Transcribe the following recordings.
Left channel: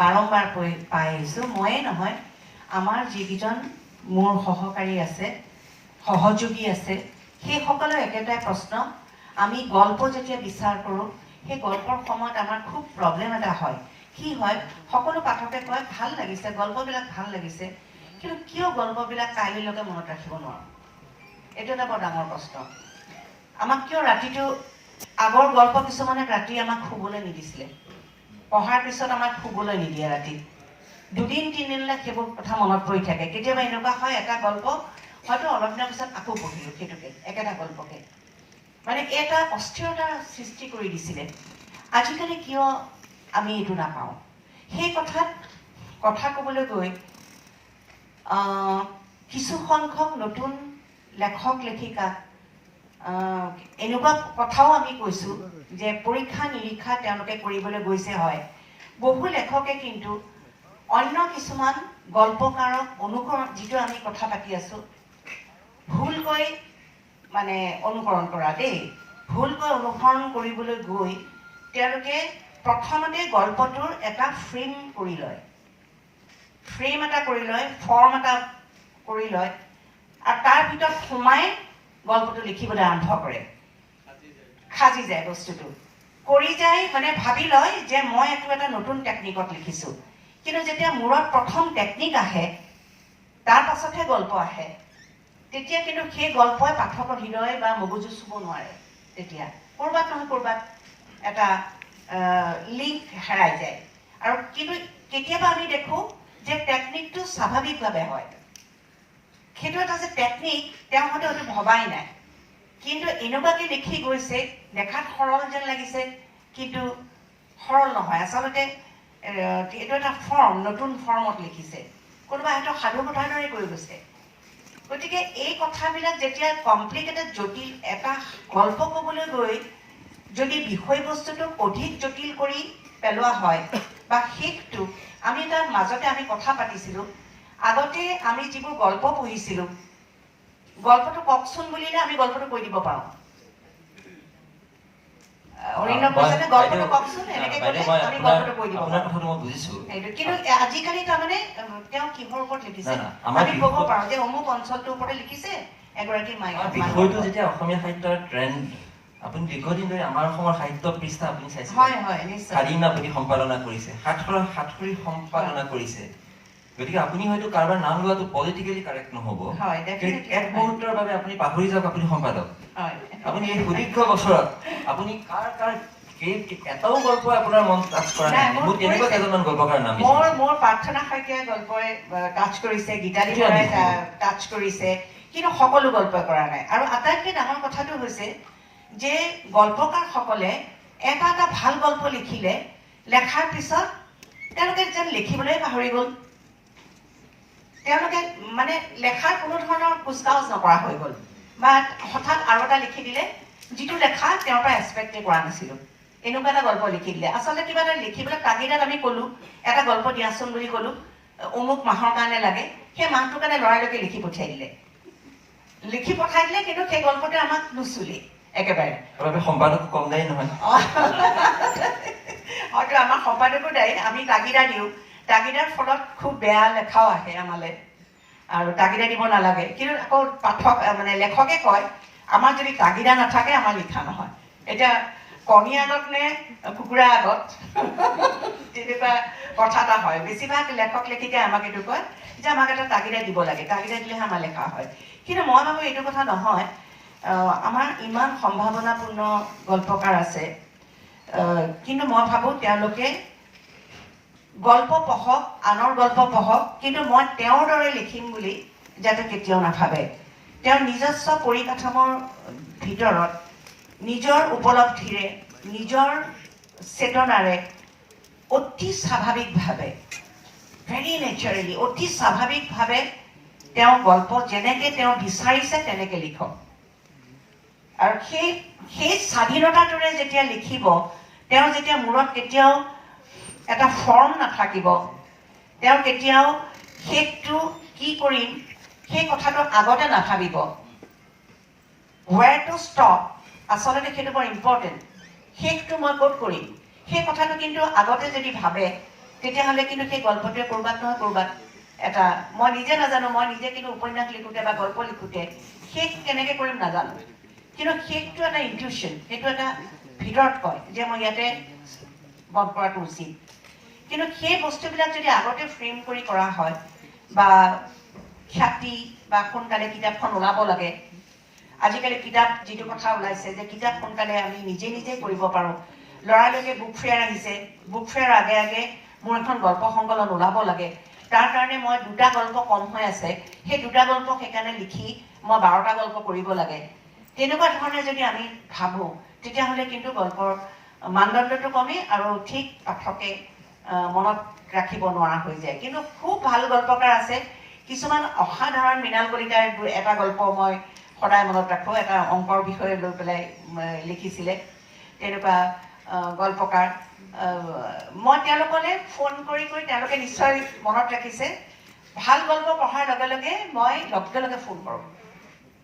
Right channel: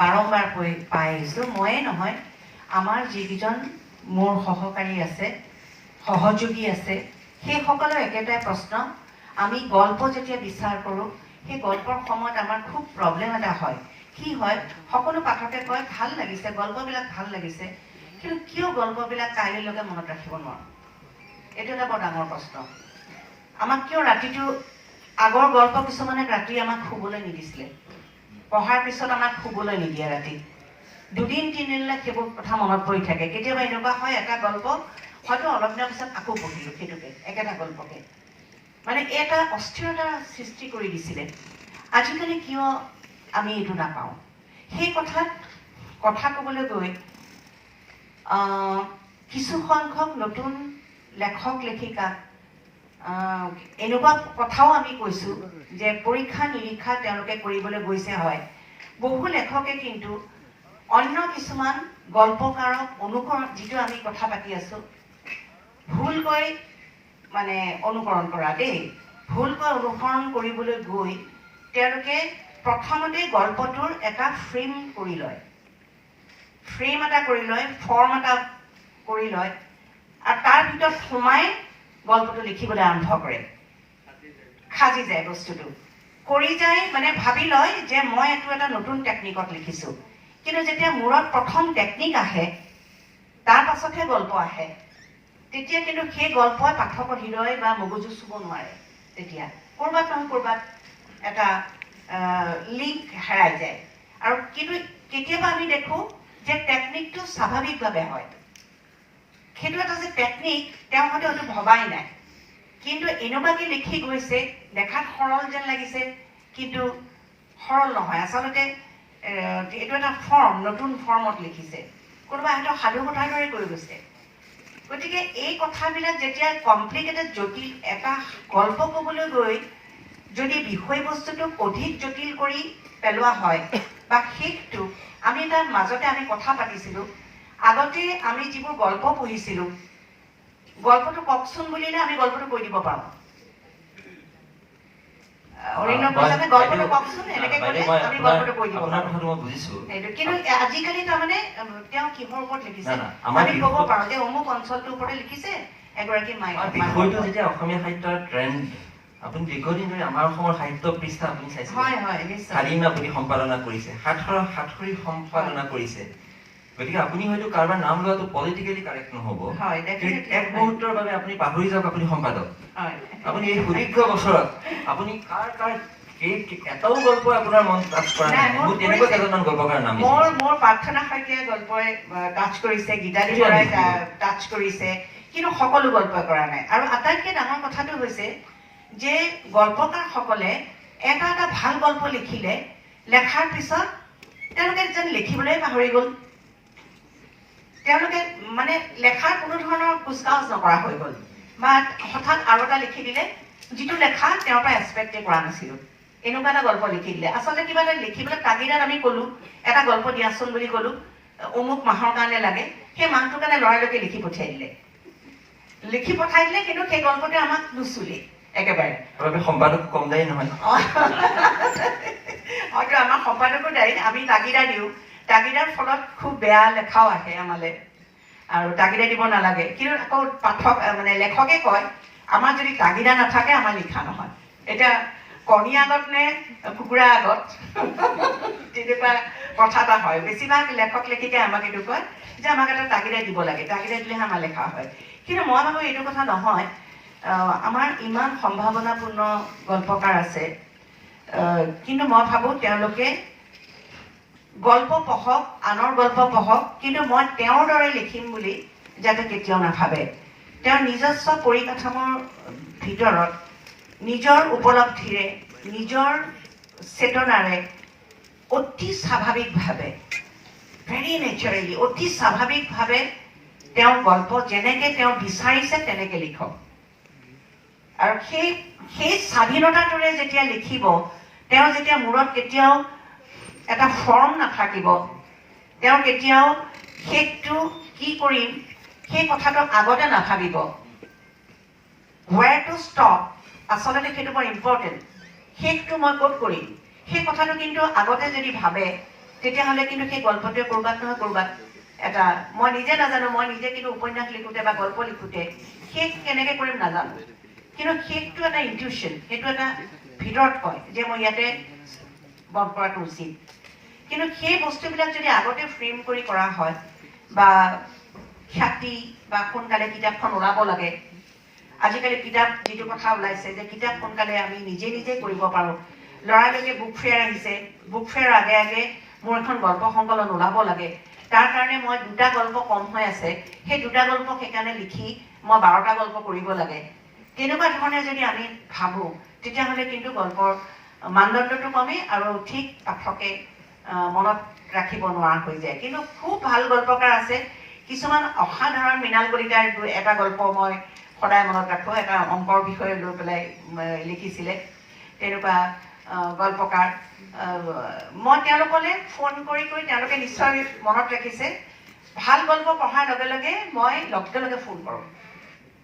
বাৰম্বাৰ পাই আহিছোঁ। ময়ে নহয়, আমাৰ যিকেইজন মোৰ সহকাৰী আছে, সহযোগী আছে, সেইসকলৰ একেটাই প্ৰশ্ন। আমি গল্প যেতিয়া বিচাৰ কৰোঁ, সেই গল্পৰ সময়ত আমাৰ খুব প্ৰব্লেম এটা হয়। কি হয়, সকলো পাঠকে কয় ভাল লাগিছে, গল্পবিলাক ভাল লাগিছে, কিন্তু কিয় গল্পবিলাক কাইলৈলৈকে মনত ৰাখিব নোৱাৰোঁ? এইটো এটা বৰ ডাঙৰ প্ৰশ্ন। আমাক কিয় ৰাতিটো আগৰ গল্প কিছুমানে ৰাতি আমাক শুবলৈ নিদিছিলে, পঢ়াৰ পিছত আমাক শুবলৈ নিদিয়ে ৰাতি, দুদিন তিনিদিনলৈ সেইবোৰ কথা মনত পৰি থাকে। কেতিয়াবা এনেকুৱা হয়, এটা গল্প হয়তো অলপ দিনৰ পিছত আকৌ পঢ়িলোঁ সেইটোকে, একেটা গল্পকে, মানে এটা অস্থিৰতাৰ সৃষ্টি কৰি দিছিলে। আজিকালি কিয় আমি এইটো নাপাওঁ? সেই কথা ক'বলৈ গৈ কিছু সংখ্যক নতুন লেখক লেখিকা এনেকুৱা কথাও আমি কৈছোঁ যে পৰীক্ষা নিৰীক্ষা তেওঁলোকে কৰিবলৈ গৈছে। হয়, বহু লেখকে কিন্তু অন্য কিছুমান গল্পকাৰক অনুকৰণ, যিটো আমি কথা পাতি আছোঁ, ভুলকৈ মানে অনুকৰণ কৰা দেই, ভুলকৈ অনুসৰণ কৰিবলৈ গৈ তেওঁলোকে প্ৰথমতে গল্পটোৰ এটা ফ্ৰেম কৰি লয়, ফৰ্ম এটা কৰি লয়, আৰু তাৰ ভিতৰত সোমাই গল্পটো লিখিবলৈ আৰম্ভ কৰে, সাজি যায় বস্তুটো, কৰি যায়, মানে ভাবি লয় যে মই এইটো এটা নতুন টেকনিকত লিখিছোঁ। কিন্তু যেতিয়া মূৰত প্ৰথম টেকনিক আহে, তাৰ পাছতহে গল্প আহে, তেতিয়া কিন্তু সেই গল্পই পাঠকৰ হৃদয় বা মগজু চুব নোৱাৰে। তেতিয়া ক'ৰবাত নহয় ক'ৰবাত এটা লিংক হেৰাই যায়। আৰু কিন্তু কেতিয়াবা আমি দেখোঁ যে টেকনিকটো স্বাভাৱিকভাৱে হয়, সেইটো এটা যে টেকনিক তেওঁ হয়তো হয়তো ভবাই নাই, কিন্তু এনেকুৱাকৈ লিখি গৈছে, দেখাত সৰল যেন লাগিছে, কিন্তু সৰল নহয়। আচলতে এইটো এটা ফৰ্ম, নতুন ফৰ্মত লিখিছে, কোনোবা হয়তো সাধু কথাৰ দৰে কৰি গৈছে। গতিকে এই কথাবিলাক যেতিয়া কমপ্লিকেটেড, জটিল এটা গল্প ক'বলৈ গৈ যদি বিষয়বস্তুটোক অধিক জটিল কৰি পেলোৱা হয়, বা শেষটো আমি তাৰ মাজতে আমি কথা পাতিছিলোঁ, আগতে আমি যিবোৰ গল্প পঢ়িছিলোঁ, গল্পটো কওকচোন বুলিলে আমি গল্পটো কৈ দিব পাৰোঁ। গল্পটো কওকচোন এনেকে ক'লে আমি গল্পটো কৈ দিব পাৰোঁ। কিন্তু আজিকালি তাৰমানে তেওঁ কিহৰ ওপৰত লিখিছে আমি ক'ব পাৰোঁ যে অমুক অঞ্চলটোৰ ওপৰতে লিখিছে এগৰাকী বিষয়টো যেতিয়া অসমীয়া সাহিত্যৰ ট্ৰেণ্ড, আপুনি দীৰ্ঘদিন ধৰি আমাৰ অসমৰ সাহিত্য পৃষ্ঠা আপুনি চাইছে, স্বাধীন আপুনি সম্পাদনা কৰিছে, সাতসৰী সম্পাদনা কৰিছে, গতিকে আপুনি হয়তো কাৰোবাৰ নাম লোৱাটো পলিটিকেলি কাৰেক্ট নহ'ব, এক মুহূৰ্তৰ বাবে আপুনি পাহৰি যাওক আপুনি সম্পাদক। আপুনি এই সুদীৰ্ঘ বছৰত আপুনি কাৰ এটাও গল্প আপোনাৰ মন টাচ কৰা নাই? মোৰ তেনেকুৱা কেইজনমান গল্পকাৰ নাম মোৰ প্ৰাৰ্থনা শইকীয়াই গল্পই টাচ কৰিছে, গীতালি বৰাই টাচ কৰিছে, কিন্তু সকলো গল্প কৰা নাই। আৰু আটাইতকৈ ডাঙৰ কথাটো হৈছে যে গল্পকাৰসকলে এটা এটা ভাল গল্প লিখিলে, লেখাৰ পিছত তেওঁলোকে যেন লিখিবলৈ পাহৰি গ'ল, তেওঁলোকে মানে লেখাৰ কোনো ধৰণৰ কুচকাৱাজ নকৰা হৈ গ'ল, বা হঠাৎ আৰু এটা লিখি দিলে যিটো লেখা তেওঁৰ পৰা এক্সপেক্টে কৰা নাছিলোঁ, এনেকুৱা এটা গল্প লিখি দিলে। আচলতে কিবা এটা লিখিবলৈ তাগিদাত আমি ক'লোঁ, এটা গল্প দিয়াচোন বুলি ক'লোঁ, অমুক মাহৰ কাৰণে লাগে, সেই মাহটোৰ কাৰণে লৰালৰিকৈ লিখি পঠিয়াই দিলে, কিন্তু সেই গল্পটো আমাক নুচুলে একেবাৰে। সম্পাদক কম দায়ী নহয়, হয়তো আমাৰ সম্পাদকো দায়ী, আমি তাগিদা দিওঁ, তাগিদাৰ ফলত খুব বেয়া লেখাও আহে আমালৈ, আৰু তাগিদা দিব নালাগে। কিন্তু আকৌ পাঠক মানে লেখকে কয় আমাৰ যদি তাগিদা নাথাকে আমাৰ লিখা নহয়। এতিয়া কণী আগত নে কুকুৰা আগত, তেনেকুৱা কথা এটা হয়। বেছিভাগ লেখক লেখিকাই আমাক এইটো কয় যে আমাক এটা তাগিদা দিব লাগে, তাগিদা দিলেহে আমাৰ লেখা হয়। কিন্তু মই ভাবোঁ এইটো কথা নহয়। আমাৰ ইমান সম্ভাৱনাপূৰ্ণ গল্পকাৰ আছে, কিন্তু মই ভাবোঁ তেওঁলোকে গল্প পঢ়ক, আনৰ গল্প পঢ়ক, কিন্তু মই তেওঁৰ দৰে লিখিম বুলি যাতে কেতিয়াও নাভাবে। তেওঁৰ নিজস্ব পৰিকাঠামোৰ ভিতৰত নিজৰ উপলব্ধিৰে, নিজৰ চেতনাৰে অতি স্বাভাৱিকভাৱে, ভেৰি নেচাৰেলি, অতি স্বাভাৱিকভাৱে তেওঁ গল্প যেনেকৈ তেওঁ বিচাৰিছে তেনেকৈ লিখক। আৰু সেই স্বাধীনতাটোৰে যেতিয়া লিখিব, তেওঁ যেতিয়া মূৰত কেতিয়াও এটা ফৰ্ম নাথাকিব, তেওঁ কেতিয়াও শেষটো কি কৰিম সেই কথাটো আগতে নাভাবিব, ৱেৰ টু ষ্টপ, আচলতে সেইটো বৰ ইম্পৰ্টেণ্ট, শেষটো মই ক'ত কৰিম সেই কথাটো কিন্তু আগতে যদি ভাবে তেতিয়াহ'লে কিন্তু সেই গল্পটোৱে ক'ৰবাত নহয় ক'ৰবাত এটা মই নিজে নাজানো, মই নিজে কিন্তু উপন্যাস লিখোঁতে বা গল্প লিখোঁতে শেষ কেনেকৈ কৰিম নাজানো, কিন্তু সেইটো এটা ইনটিউশ্যন, সেইটো এটা ভিতৰত কয় যে মই ইয়াতে বধ কৰাটো উচিত। কিন্তু সেই বস্তুবিলাক যদি আগতে ফ্ৰেম কৰি কৰা হয় বা খ্যাতি বা সোনকালে কিতাপখন ওলাব লাগে, আজিকালি কিতাপ যিটো কথা ওলাইছে যে কিতাপ সোনকালে আমি নিজে নিজে কৰিব পাৰোঁ, লৰালৰিকে বুক ফেয়াৰ আহিছে, বুক ফেয়াৰ আগে আগে মোৰ এখন গল্প সংকলন ওলাব লাগে, তাৰ কাৰণে মই 2টা গল্প কম হৈ আছে, সেই 2টা গল্প সেইকাৰণে লিখি মই 12টা গল্প কৰিব লাগে, তেনেকুৱা ধৰণে যদি আমি ভাবোঁ তেতিয়াহ'লে কিন্তু গল্পৰ মানদণ্ডটো কমে আৰু ঠিক পাঠকে মনত ৰাখিব নোৱাৰা হৈ যায়। কিন্তু খুব ভাল গল্পকাৰ আছে, কিছুমান অসাধাৰণ মৃণাল কলিতাৰ এটা গল্প মই সদায় মনত ৰাখোঁ, এটা অংকৰ বিষয়ে লৈ পেলাই লিখিছিলে, তেনেকুৱা গল্পকাৰ মই তেওঁলোকলৈ ফোন কৰি তেওঁলোকে নিশ্চয় মনত ৰাখিছে। ভাল গল্প পঢ়াৰ লগে লগে মই লগে লগে ফোন কৰোঁ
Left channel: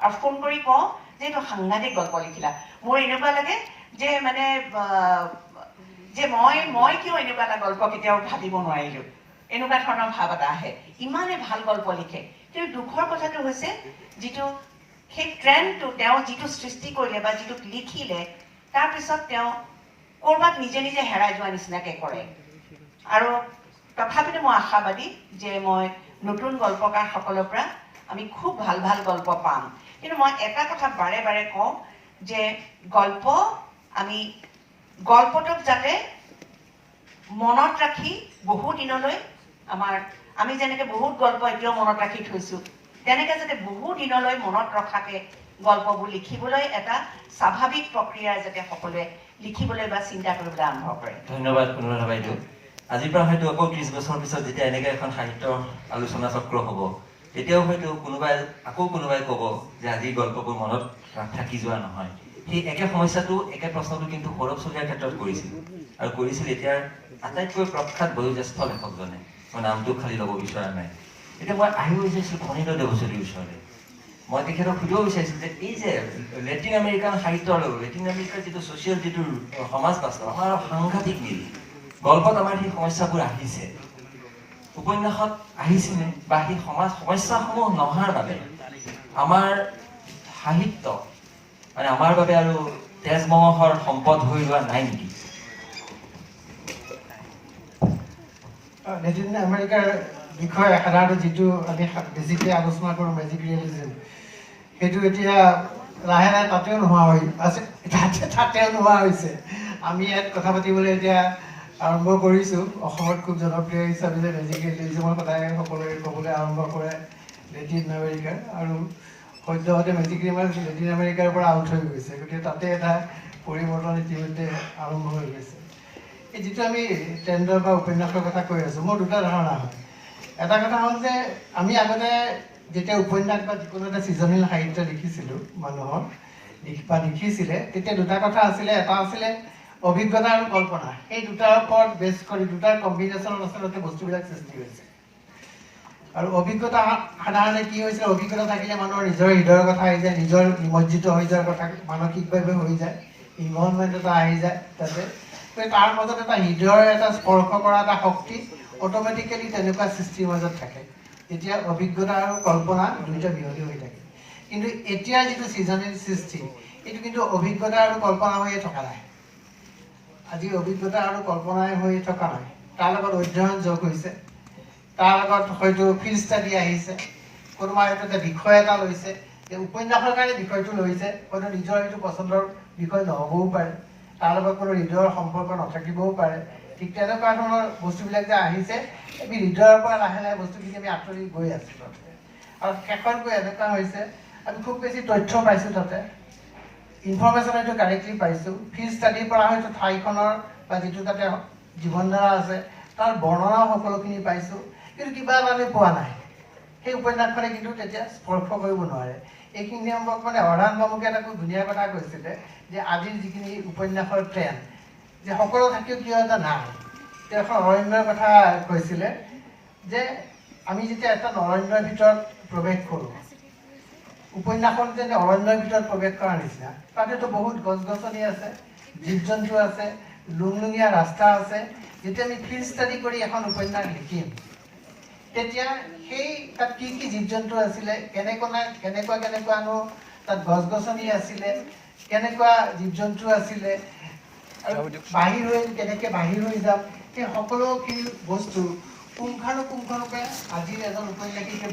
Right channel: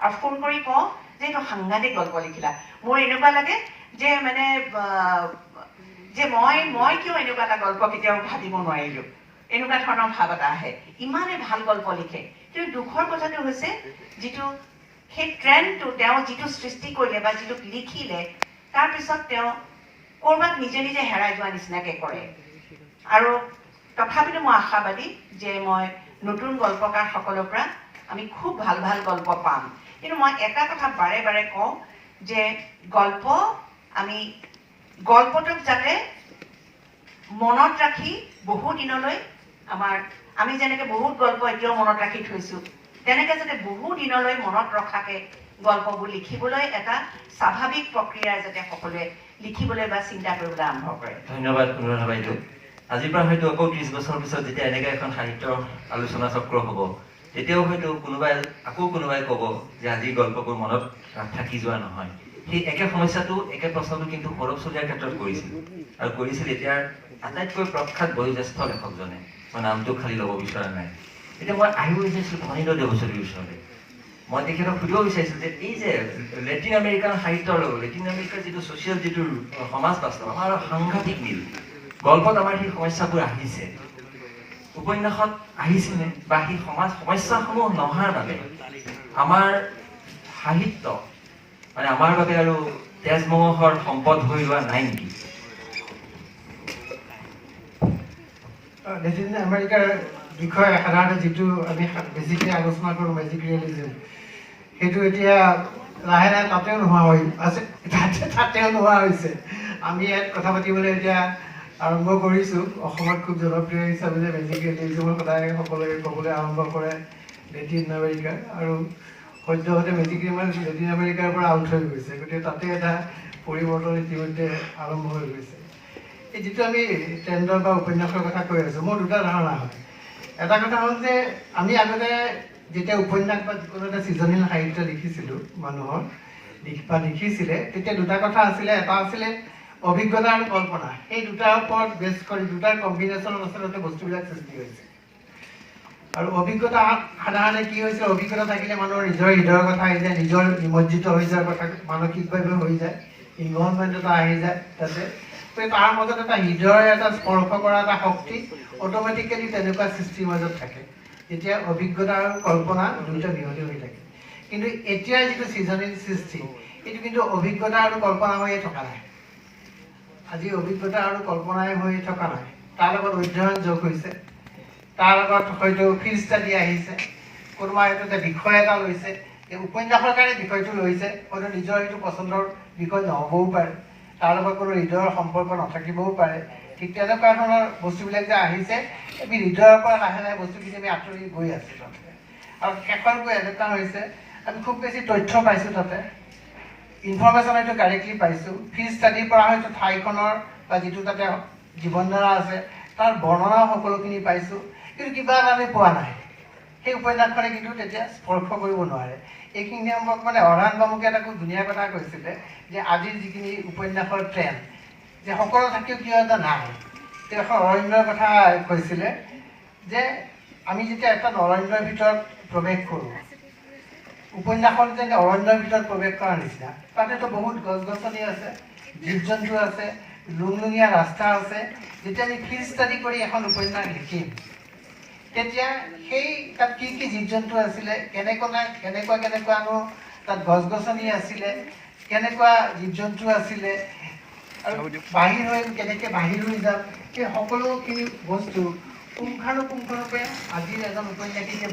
আৰু ফোন কৰি কওঁ যে এইটো সাংঘাতিক গল্প লিখিলা। মোৰ এনেকুৱা লাগে যে মানে যে মই কিয় এনেকুৱা এটা গল্প কেতিয়াও ভাবিব নোৱাৰিলোঁ, এনেকুৱা ধৰণৰ ভাৱ এটা আহে, ইমানে ভাল গল্প লিখে। কিন্তু দুখৰ কথাটো হৈছে যিটো সেই ট্ৰেণ্ডটো তেওঁ যিটো সৃষ্টি কৰিলে বা যিটো লিখিলে তাৰপিছত তেওঁ ক'ৰবাত নিজে নিজে হেৰাই যোৱা নিচিনাকৈ কৰে। আৰু তথাপিতো মই আশাবাদী যে মই নতুন গল্পকাৰসকলৰ পৰা আমি খুব ভাল ভাল গল্প পাম। কিন্তু মই এটা কথা বাৰে বাৰে কওঁ যে গল্পটোক যাতে মনত ৰাখি বহু দিনলৈ আমি যেনেকৈ বহুত গল্প এতিয়াও মনত ৰাখি থৈছোঁ, তেনেকৈ যাতে বহু দিনলৈ মনত ৰখাকৈ গল্পবোৰ লিখিবলৈ এটা স্বাভাৱিক প্ৰক্ৰিয়া যাতে সকলোৱে লিখিবলৈ বা চিন্তা কৰিবলৈ আৰম্ভ কৰে। ধন্যবাদ অনুৰাধা বাইদেউ। আজিৰ পৰা হয়তো আকৌ 30 বছৰ পিছত যেতিয়া এনেকৈ এখন সাহিত্যৰ আলোচনা চক্ৰ হ'ব, তেতিয়াও হয়তো কোনোবাই ক'ব যে আজিৰ গল্পবোৰ মনত থাকি যোৱা নহয়। সেই একে সমস্যাটো একে প্ৰশ্নটো কিন্তু সৌৰভ চলিহাৰ ক্ষেত্ৰত কৰিছিল এতিয়াৰ আটাইতকৈ প্ৰখ্যাত বয়োজ্যেষ্ঠ লেখকজনে। মই নামটো খালি ল'ব বিচৰা নাই। এতিয়া মই আহিব বিচাৰিছোঁ ধনীৰাম দেৱচৌধুৰীৰ ওচৰলৈ। মই তেখেতক সুধিব বিচাৰিছোঁ যে এই যে লেটিন আমেৰিকান সাহিত্যৰ লগত লেটিন আমেৰিকাৰ যিটো ছ'চিয়েল যিটো সমাজ বাস্তৱ আমাৰ সাংঘাতিক মিল, গল্পত আমাৰ সেই সমস্যাবোৰ আহিছে, উপন্যাসত আহিছেনে, বা সেই সমস্যাসমূহ নহাৰ বাবে আমাৰ সাহিত্য মানে আমাৰ বাবে আৰু তেজ মঙহৰ সম্পদ হৈ ৰোৱা নাই নেকি? লেটিন আমেৰিকাৰ বিষয়ে সাধাৰণতে যিটো আমি বেছিকৈ আলোচনা কৰোঁ মেজিক ৰিয়েলিজম, সেইটো এতিয়া লাহে লাহে তাতেও নোহোৱা হৈছে। আমি ইয়াত কথা পাতিবলৈ এতিয়া আৰম্ভ কৰিছোঁ। অসমত খুব জনপ্ৰিয় হিচাপে যে মেজিক ৰিয়েলিজমৰ সদায় সকলোৱে ক'বলৈ আৰম্ভ কৰে লেটিন আমেৰিকাৰ, আৰু সদ্যহতে মেজিক ৰিয়েলিজম লেটিন আমেৰিকাৰ পৰা আউট হৈ গৈছে, গতিকে তাতে এটা পৰিৱৰ্তন ইতিমধ্যে আৰম্ভ হৈ গৈছে। এই যিটো আমি ট্ৰেণ্ডৰ বা উপন্যাসৰ কথা কৈ আছোঁ, মোৰ 2টা ধাৰণা হয়। এটা কথা হ'ল যে আমি আগতে যেতিয়া উপন্যাস বা যিকোনো এটা সৃজনীল সাহিত্য লিখিছিলোঁ মানুহৰ বা লিখিছিলে, তেতিয়া 2টা কথা আছিলে। এটা আছিলে অভিজ্ঞতা আৰু কল্পনা। সেই 2টাৰ ওপৰত বেছ কৰি 2টাৰ কম্বিনেশ্যনত আচলতে বস্তুবিলাক সৃষ্টি হৈছে। আৰু অভিজ্ঞতা সাধাৰণতে কি হৈছিল, অভিজ্ঞতা থাকিলে মানুহৰ নিজৰ হৃদয়ৰ কথা আহি যায়, নিজৰ নিমজ্জিত হৈ যোৱাৰ কথা মানসিকভাৱে হৈ যায়, ইনভলভমেণ্ট এটা আহি যায় তাতে। তাৰ মাজত এটা হৃদয়ৰ এটা স্পৰ্শ কৰা এটা শক্তি অট'মেটিকেলি তেনেকুৱা সৃষ্টিৰ মাজত থাকে। এতিয়া অভিজ্ঞতা আৰু কল্পনা 2টা মিহলি হৈ থাকে। কিন্তু এতিয়াৰ যিটো সৃজনীল সৃষ্টি, এইটো কিন্তু অভিজ্ঞতা আৰু কল্পনা হৈয়ে থকা নাই। আজি অভিজ্ঞতা আৰু কল্পনাই হৈ থকা নাই, তাৰ লগত অধ্যয়ন যোগ হৈছে, তাৰ লগত হয়তো ফিল্ড ষ্টাডি আহিছে, কোনোবা হয়তো এটা বিষয় এটা লৈছে, উপন্যাসৰ কাৰণে বিষয়টো লৈছে, হয়তো নিজৰ সেইটো পচন্দৰ বিষয় নহ'বও পাৰে, তাৰ লগত কোনো হৃদয়ৰ সম্পৰ্ক নাথাকিবও পাৰে। ঠিক তেনেকুৱা ধৰণৰ বস্তুবিলাক যে আহিছে, আমি হৃদয়ৰ পৰা লাহে লাহে বস্তুখিনি আমি আঁতৰি গৈ আছোঁ তাতে। আৰু শেষত গৈ এনেকুৱা হৈছে আমি খুব বেছি তথ্য পাইছোঁ তাতে, ইনফৰ্মেশ্যন হয়তো কাৰেক্টলি পাইছোঁ, ফিল্ড ষ্টাডিৰ পৰা হয়তো ঠাইখনৰ বা যিটো তাতে জীৱনধাৰা আছে তাৰ বৰ্ণনাও সকলোখিনি পাইছোঁ, কিন্তু কিবা এটা আমি পোৱা নাই। সেই উপন্যাসখনে কিন্তু তেতিয়া স্পৰ্শ কৰিব নোৱাৰে। এইখিনি সম্পৰ্ক মানে অৰাণ বামুকে এটা খুব ধুনীয়া কথা কৈছিলে যে আজিৰ যিখিনি উপন্যাসৰ ট্ৰেণ্ড, যে সকলো থাকিও কিয় এটা নাই। তেওঁ এখন অৰণ্যৰ কথা কৈছিলে যে আমি যেতিয়া এটা অৰণ্যৰ ভিতৰত প্ৰৱেশ কৰোঁ, উপন্যাসখন যেন অৰণ্যৰ ভিতৰত প্ৰৱেশ কৰাৰ নিচিনা, তাতেতো বহুত গছ গছনি আছে, জীৱ জন্তু আছে, লুংলুঙীয়া ৰাস্তা আছে। যেতিয়া আমি ফিল্ড ষ্টাডি কৰি এখন উপন্যাস লিখিম তেতিয়া সেই তাত কি কি জীৱ জন্তু আছিলে, কেনেকুৱানো তাত গছ গছনি আছিলে, কেনেকুৱা জীৱ জন্তু আছিলে, আৰু বাহিৰ হৈ কেনেকৈ বাহিৰ হৈ যাম, সেই সকলোখিনি বস্তু পুংখানুপুংখৰূপে আজিৰ এজন উপন্যাসিকে